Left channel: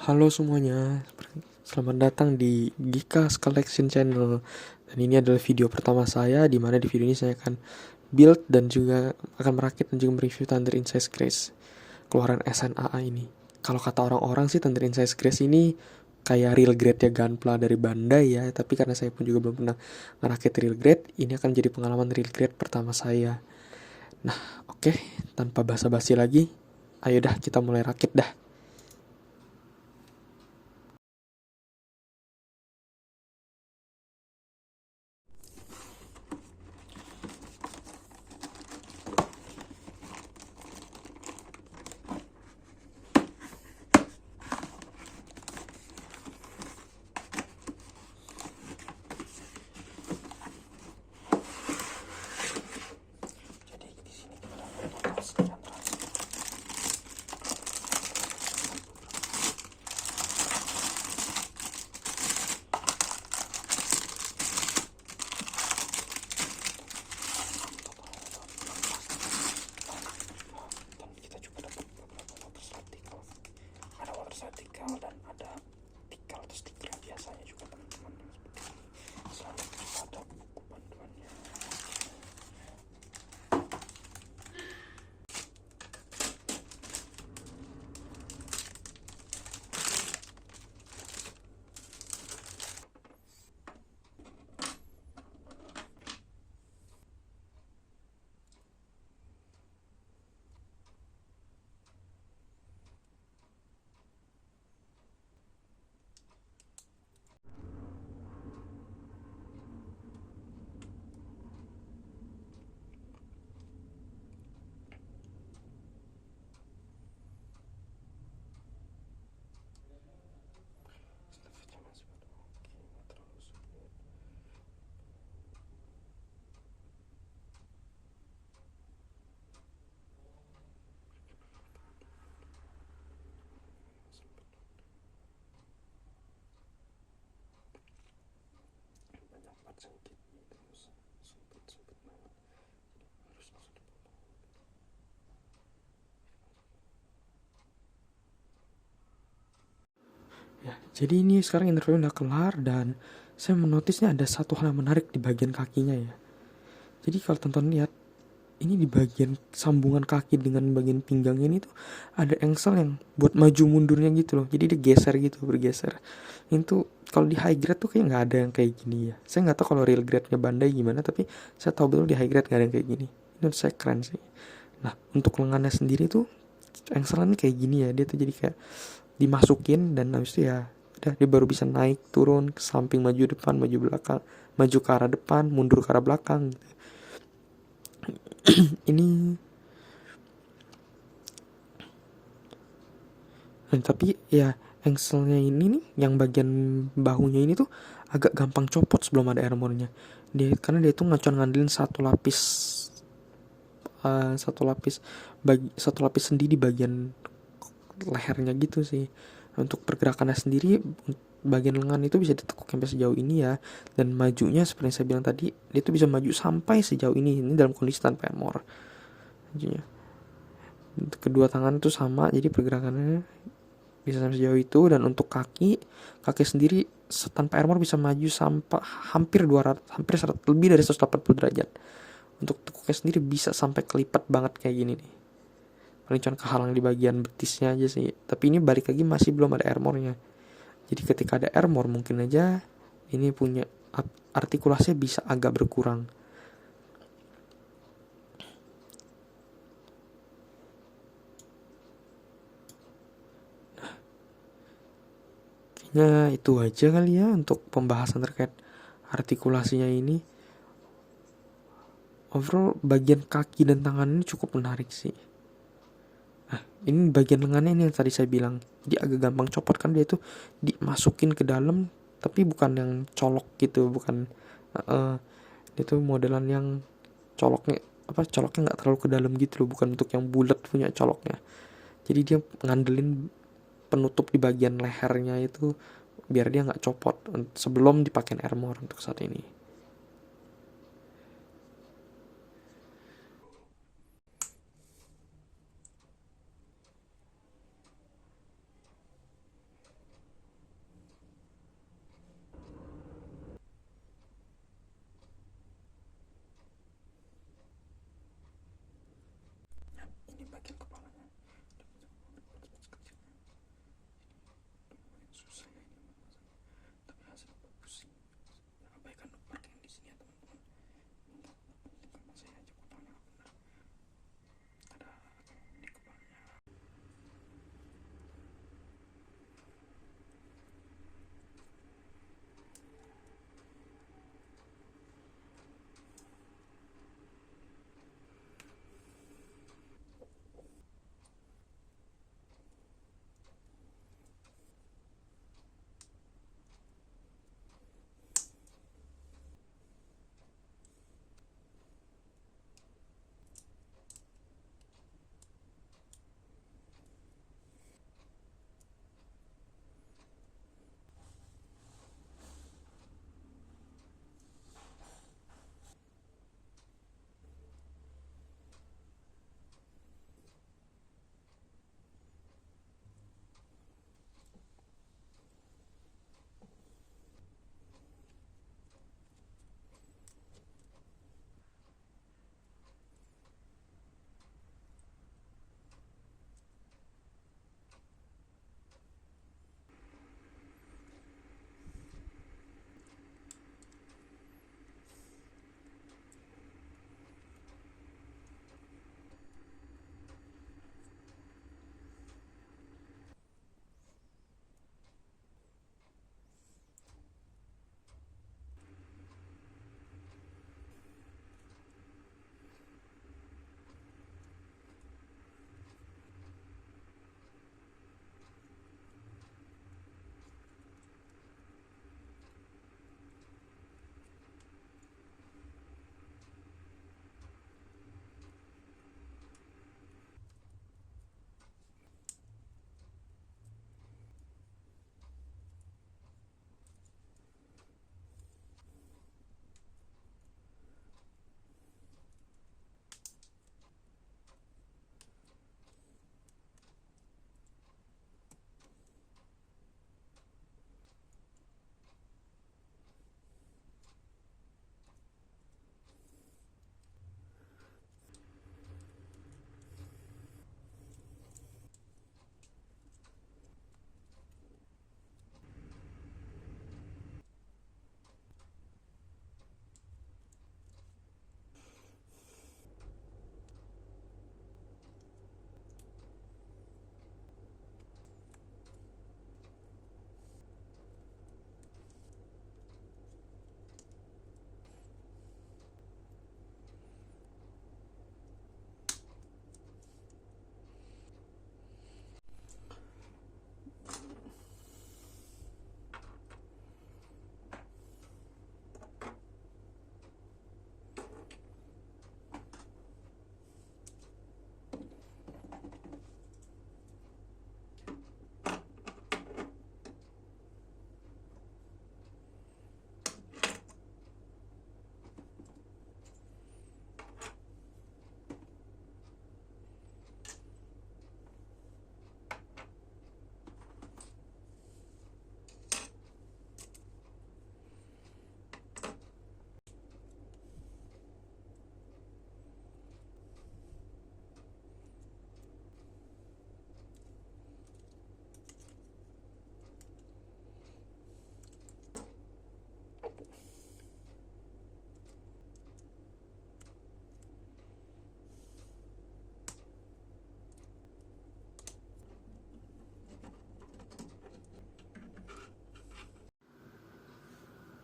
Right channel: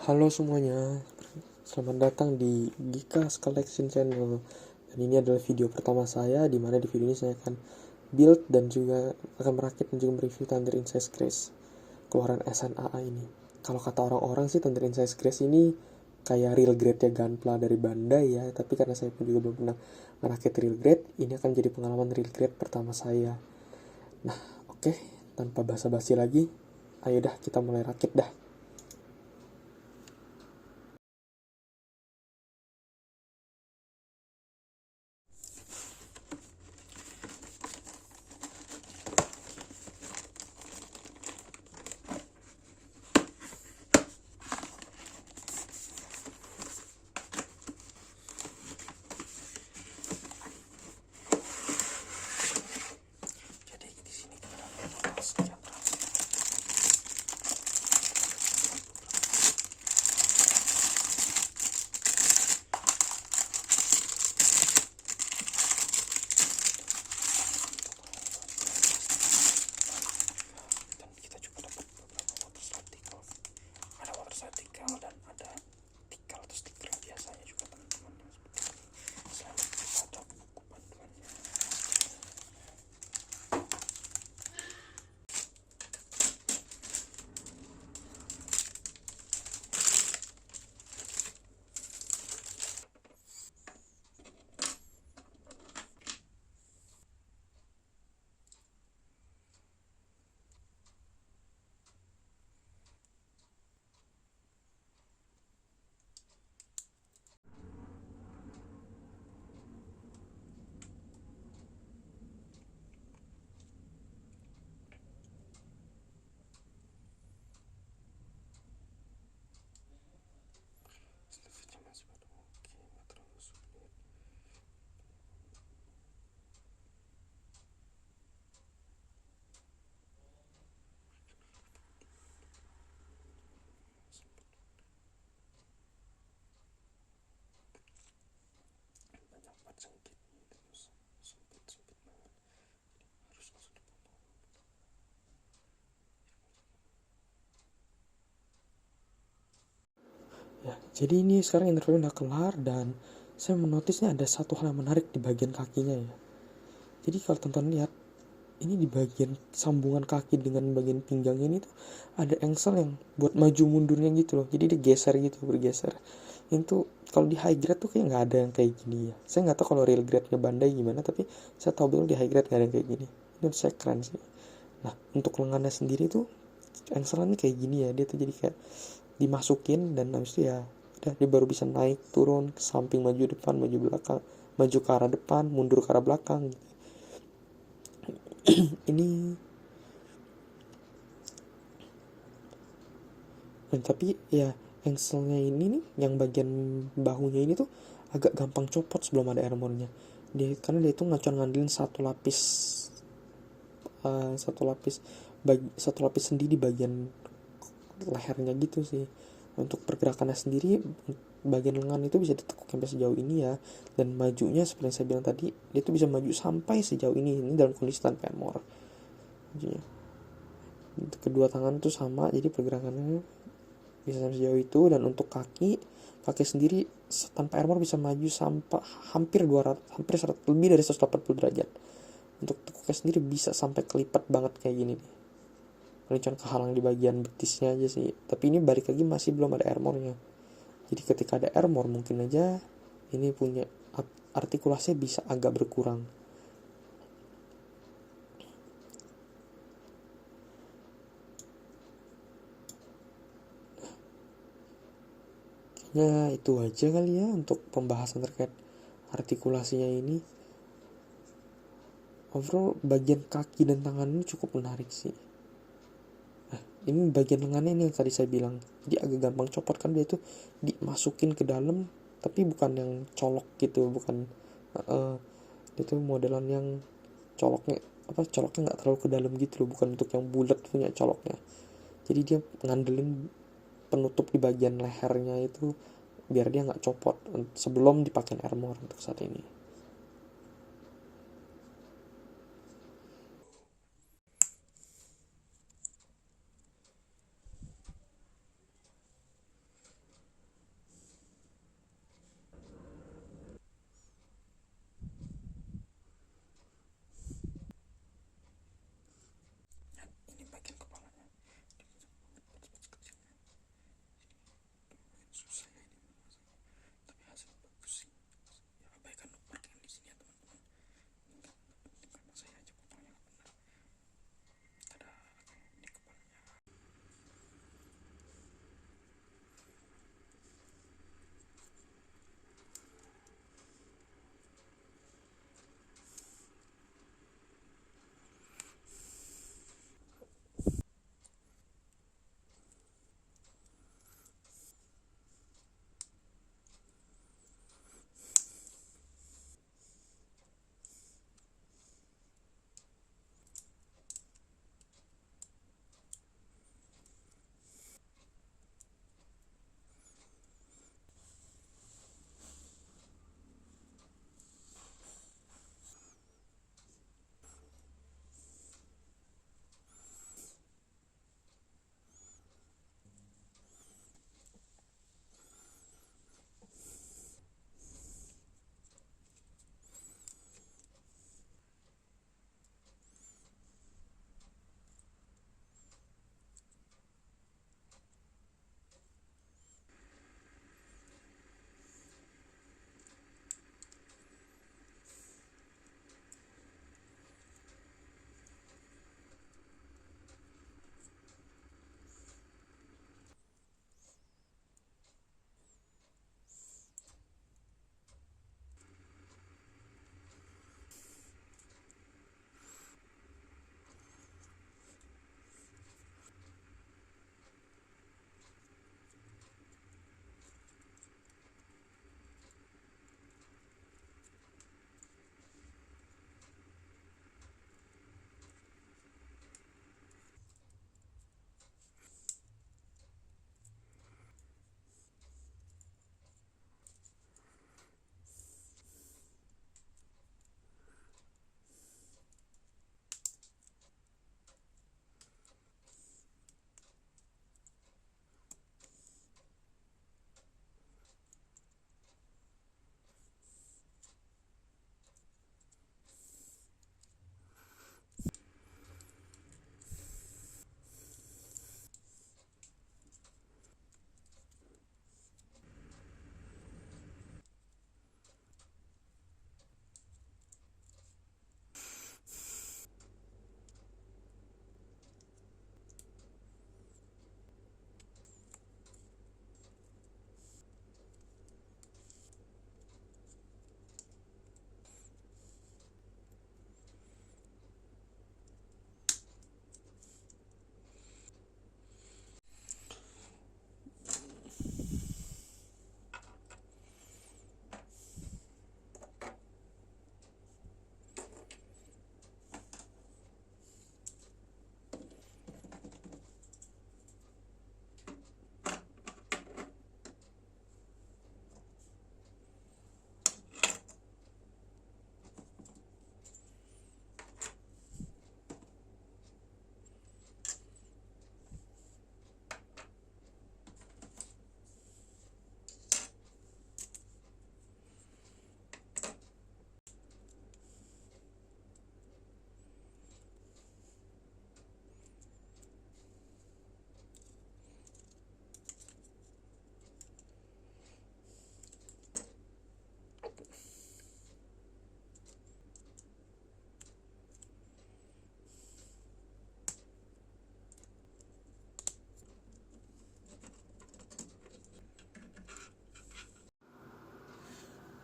Halo semuanya, selamat datang di Gikas Collection Channel. Dan ini adalah video pertama saya, di mana di video ini saya akan build dan juga akan merakit dan juga mereview Thunder Incise Grace, keluaran SNAA ini. Kalau kata orang-orang sih Thunder Incise Grace ini kayak real grade ya Gunpla dari Bandai ya, tapi karena saya pun juga belum pernah merakit real grade, ini akan jadi pengalaman real grade pertama saya. Nah, oke, tanpa basa-basi lagi, ayo dah kita mulai rakit dah. Dan ada tikal atau stiker biasanya juga teman-teman yang seperti ini. Selalu juga ada buku panduannya. Banyak part sengit terus sempit banget, harus langsung dipotong. Ya, jadi ini sekarang interview udah kelar dan saya menotisnya ada satu hal yang menarik di bagian kakinya ya. Jadi kalau teman-teman lihat, ini di bagian sambungan kaki dengan bagian pinggang ini tuh ada engsel yang buat maju mundurnya gitu loh. Jadi dia geser gitu, bergeser. Itu kalau di high grade tuh kayak nggak ada yang kayak gini ya. Saya nggak tahu kalau real grade-nya Bandai gimana, tapi saya tahu betul di high grade nggak ada yang kayak gini. Ini menurut saya keren sih. Nah, untuk lengannya sendiri tuh engselannya kayak gini ya. Dia tuh jadi kayak dimasukin dan habis itu ya udah dia baru bisa naik turun ke samping, maju depan, maju belakang, maju ke arah depan, mundur ke arah belakang gitu. Ini tapi ya engselnya ini nih yang bagian bahunya ini tuh agak gampang copot sebelum ada armornya. Karena dia itu ngandelin satu lapis sendi di bagian lehernya gitu sih. Untuk pergerakannya sendiri, bagian lengan itu bisa ditekuk sampai sejauh ini ya, dan majunya seperti yang saya bilang tadi, dia tuh bisa maju sampai sejauh ini dalam kondisi tanpa armor. Majunya kedua tangan tuh sama, jadi pergerakannya bisa sampai sejauh itu. Dan untuk kaki sendiri tanpa armor bisa maju sampai hampir 200, hampir 100, lebih dari 180 derajat. Untuk tekuknya sendiri bisa sampai kelipat banget kayak gini nih. Paling cuma kehalang di bagian betisnya aja sih, tapi ini balik lagi masih belum ada armornya. Jadi ketika ada armor mungkin aja ini punya artikulasinya bisa agak berkurang. Kayaknya itu aja kali ya untuk pembahasan terkait artikulasinya ini. Overall bagian kaki dan tangan ini cukup menarik sih. Nah, ini bagian lengannya ini yang tadi saya bilang, dia agak gampang copot kan, dia tuh dimasukin ke dalam tapi bukan yang colok gitu, bukan itu modelan yang coloknya nggak terlalu ke dalam gitu loh, bukan untuk yang bulat punya coloknya. Jadi dia ngandelin penutup di bagian lehernya itu biar dia nggak copot sebelum dipakai armor untuk saat ini. bagian kepalanya, susah ya ini masanya, tapi hasilnya bagus sih. Ya abaikan notemark yang di sini ya teman-teman, nggak penting kan saya aja fotonya nggak benar. Ada di kepalanya.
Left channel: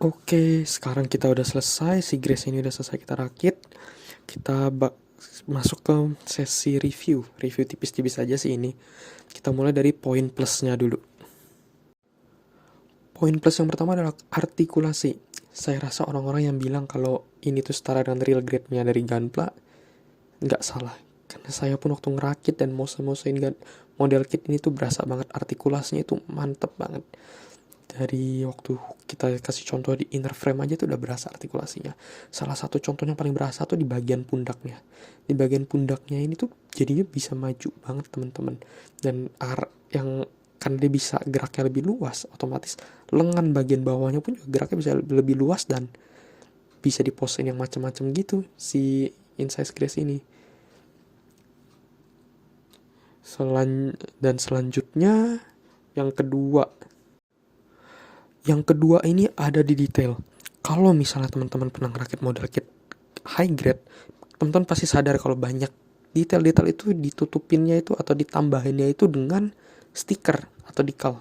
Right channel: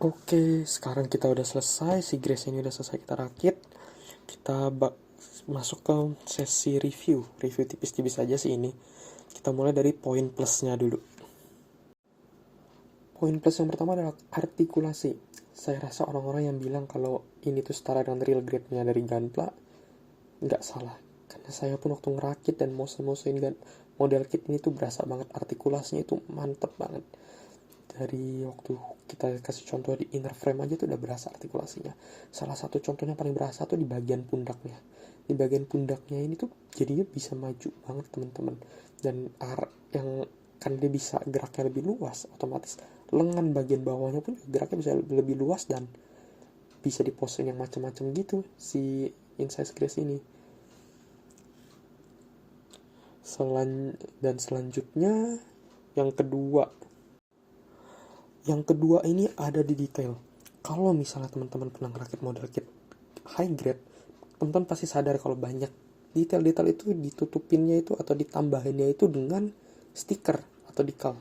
Oke, sekarang kita udah selesai, si Grace ini udah selesai kita rakit. Kita masuk ke sesi review tipis-tipis aja sih ini. Kita mulai dari poin plusnya dulu. Poin plus yang pertama adalah artikulasi. Saya rasa orang-orang yang bilang kalau ini tuh setara dengan real grade-nya dari Gunpla, nggak salah. Karena saya pun waktu ngerakit dan mose-mosein model kit ini tuh berasa banget artikulasinya itu mantep banget. Dari waktu kita kasih contoh di inner frame aja tuh udah berasa artikulasinya. Salah satu contohnya paling berasa tuh di bagian pundaknya. Di bagian pundaknya ini tuh jadinya bisa maju banget teman-teman. Dan yang kan dia bisa geraknya lebih luas, otomatis lengan bagian bawahnya pun juga geraknya bisa lebih luas dan bisa diposein yang macam-macam gitu si Insize Grace ini. Dan selanjutnya yang kedua. Yang kedua ini ada di detail. Kalau misalnya teman-teman pernah ngerakit model kit high grade, teman-teman pasti sadar kalau banyak detail-detail itu ditutupinnya itu atau ditambahinnya itu dengan stiker atau decal.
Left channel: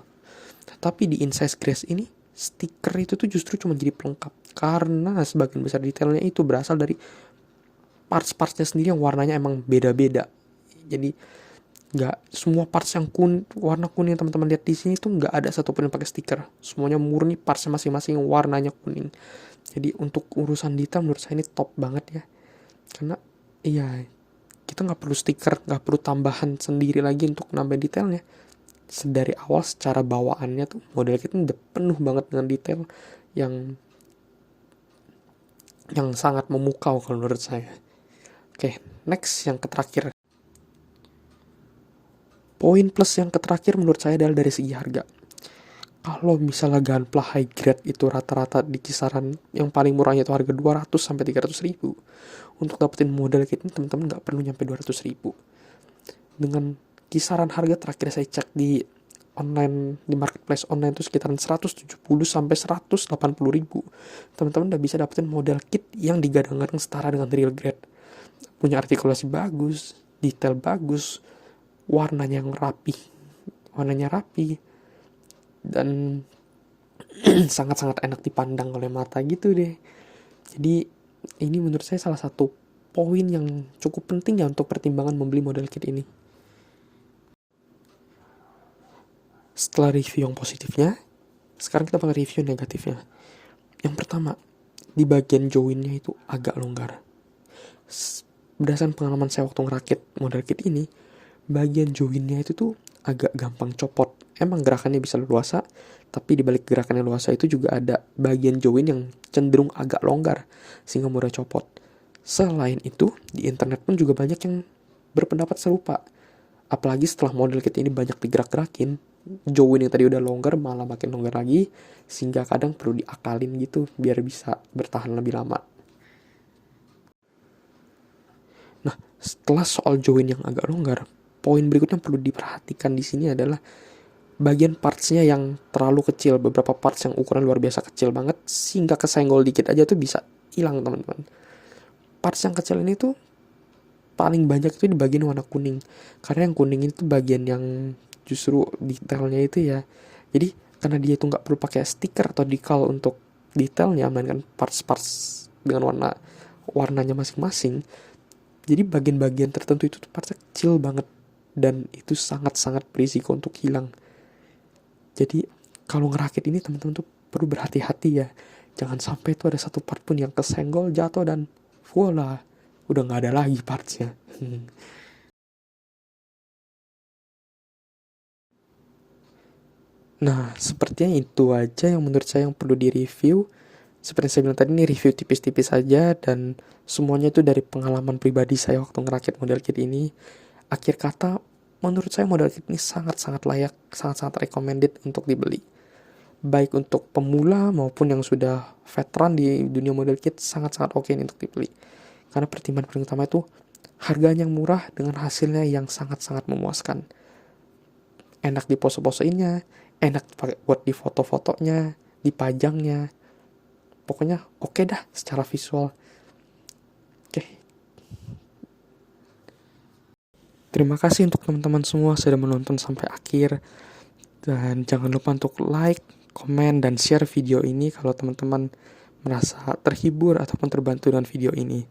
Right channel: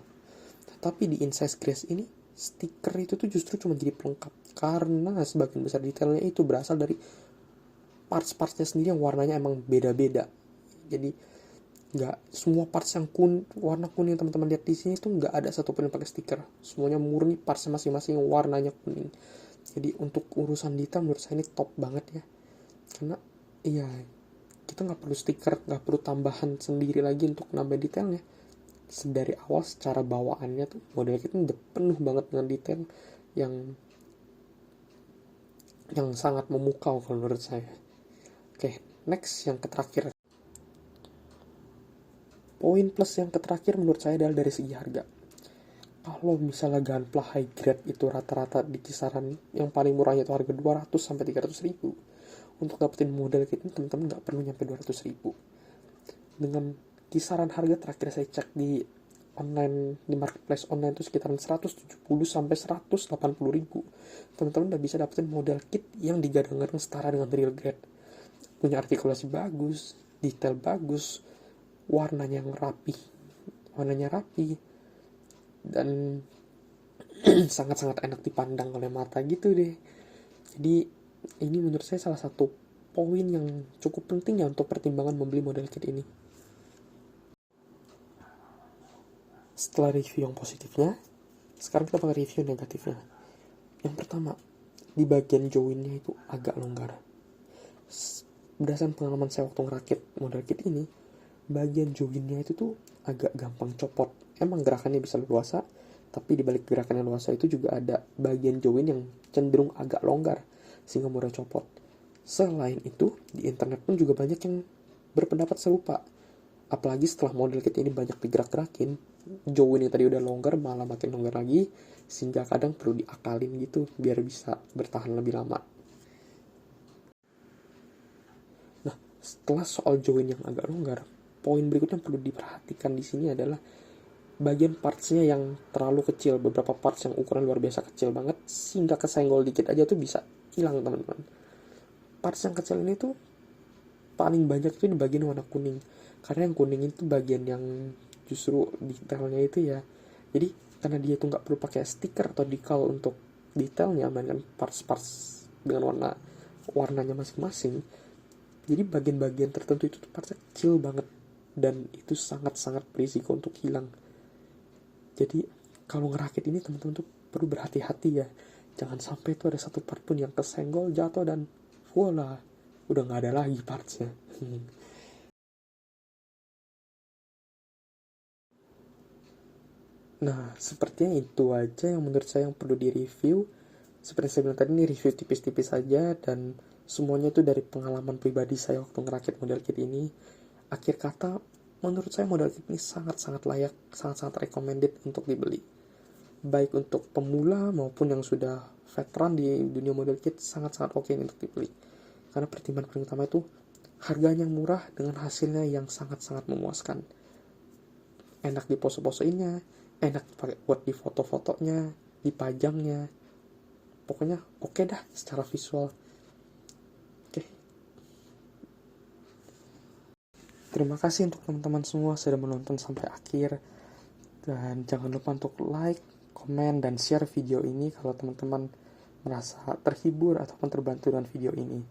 Tapi di Incise Grace ini, stiker itu tuh justru cuma jadi pelengkap. Karena sebagian besar detailnya itu berasal dari parts-partsnya sendiri yang warnanya emang beda-beda. Jadi nggak semua parts yang warna kuning yang teman-teman lihat di sini tuh nggak ada satupun yang pakai stiker. Semuanya murni partsnya masing-masing warnanya kuning. Jadi untuk urusan detail menurut saya ini top banget ya. Karena iya, kita nggak perlu stiker, nggak perlu tambahan sendiri lagi untuk nambah detailnya. Dari awal secara bawaannya tuh model kita udah penuh banget dengan detail yang sangat memukau kalau menurut saya. Oke, next yang terakhir. Poin plus yang terakhir menurut saya adalah dari segi harga. Kalau misalnya Gunpla high grade itu rata-rata di kisaran yang paling murahnya itu harga 200 sampai 300 ribu. Untuk dapetin model kit ini teman-teman nggak perlu nyampe 200 ribu. Dengan kisaran harga terakhir saya cek di online, di marketplace online itu sekitaran 170 sampai 180 ribu. Teman-teman udah bisa dapetin model kit yang digadang-gadang setara dengan real grade. Punya artikulasi bagus, detail bagus, warnanya rapi, dan sangat-sangat enak dipandang oleh mata gitu deh. Jadi ini menurut saya salah satu poin yang cukup penting ya untuk pertimbangan membeli model kit ini. Setelah review yang positifnya, sekarang kita bakal review negatifnya. Yang pertama, di bagian joinnya itu agak longgar. Berdasarkan pengalaman saya waktu ngerakit model kit ini, bagian joinnya itu tuh agak gampang copot. Emang gerakannya bisa leluasa, tapi di balik gerakan yang leluasa itu juga ada bagian join yang cenderung agak longgar, sehingga mudah copot. Selain itu, di internet pun juga banyak yang berpendapat serupa. Apalagi setelah model kit ini banyak digerak-gerakin, join yang tadi udah longgar malah makin longgar lagi, sehingga kadang perlu diakalin gitu biar bisa bertahan lebih lama. Nah, setelah soal join yang agak longgar, poin berikutnya yang perlu diperhatikan di sini adalah bagian partsnya yang terlalu kecil. Beberapa parts yang ukuran luar biasa kecil banget, sehingga kesenggol dikit aja tuh bisa hilang teman-teman. Parts yang kecil ini tuh paling banyak itu di bagian warna kuning. Karena yang kuning itu bagian yang justru detailnya itu ya. Jadi karena dia itu nggak perlu pakai stiker atau decal untuk detailnya, melainkan parts-parts dengan warnanya masing-masing. Jadi bagian-bagian tertentu itu tuh partsnya kecil banget dan itu sangat-sangat berisiko untuk hilang. Jadi kalau ngerakit ini teman-teman tuh perlu berhati-hati ya. Jangan sampai itu ada satu part pun yang kesenggol, jatuh, dan voila, udah nggak ada lagi partsnya. Nah, sepertinya itu aja yang menurut saya yang perlu direview. Seperti saya bilang tadi, ini review tipis-tipis aja dan semuanya itu dari pengalaman pribadi saya waktu ngerakit model kit ini. Akhir kata, menurut saya model kit ini sangat-sangat layak, sangat-sangat recommended untuk dibeli. Baik untuk pemula maupun yang sudah veteran di dunia model kit, sangat-sangat oke untuk dibeli. Karena pertimbangan paling utama itu harganya yang murah dengan hasilnya yang sangat-sangat memuaskan. Enak di pose-poseinnya, enak buat di foto-fotonya, dipajangnya. Pokoknya oke dah secara visual. Oke. Terima kasih untuk teman-teman semua sudah menonton sampai akhir. Dan jangan lupa untuk like, komen, dan share video ini kalau teman-teman merasa terhibur ataupun terbantu dengan video ini.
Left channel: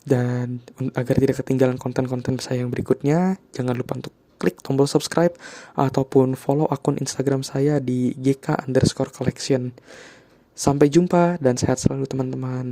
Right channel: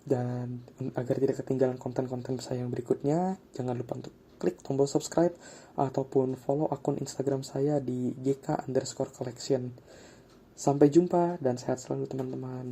Dan agar tidak ketinggalan konten-konten saya yang berikutnya, jangan lupa untuk klik tombol subscribe ataupun follow akun Instagram saya di gk_collection. Sampai jumpa dan sehat selalu teman-teman.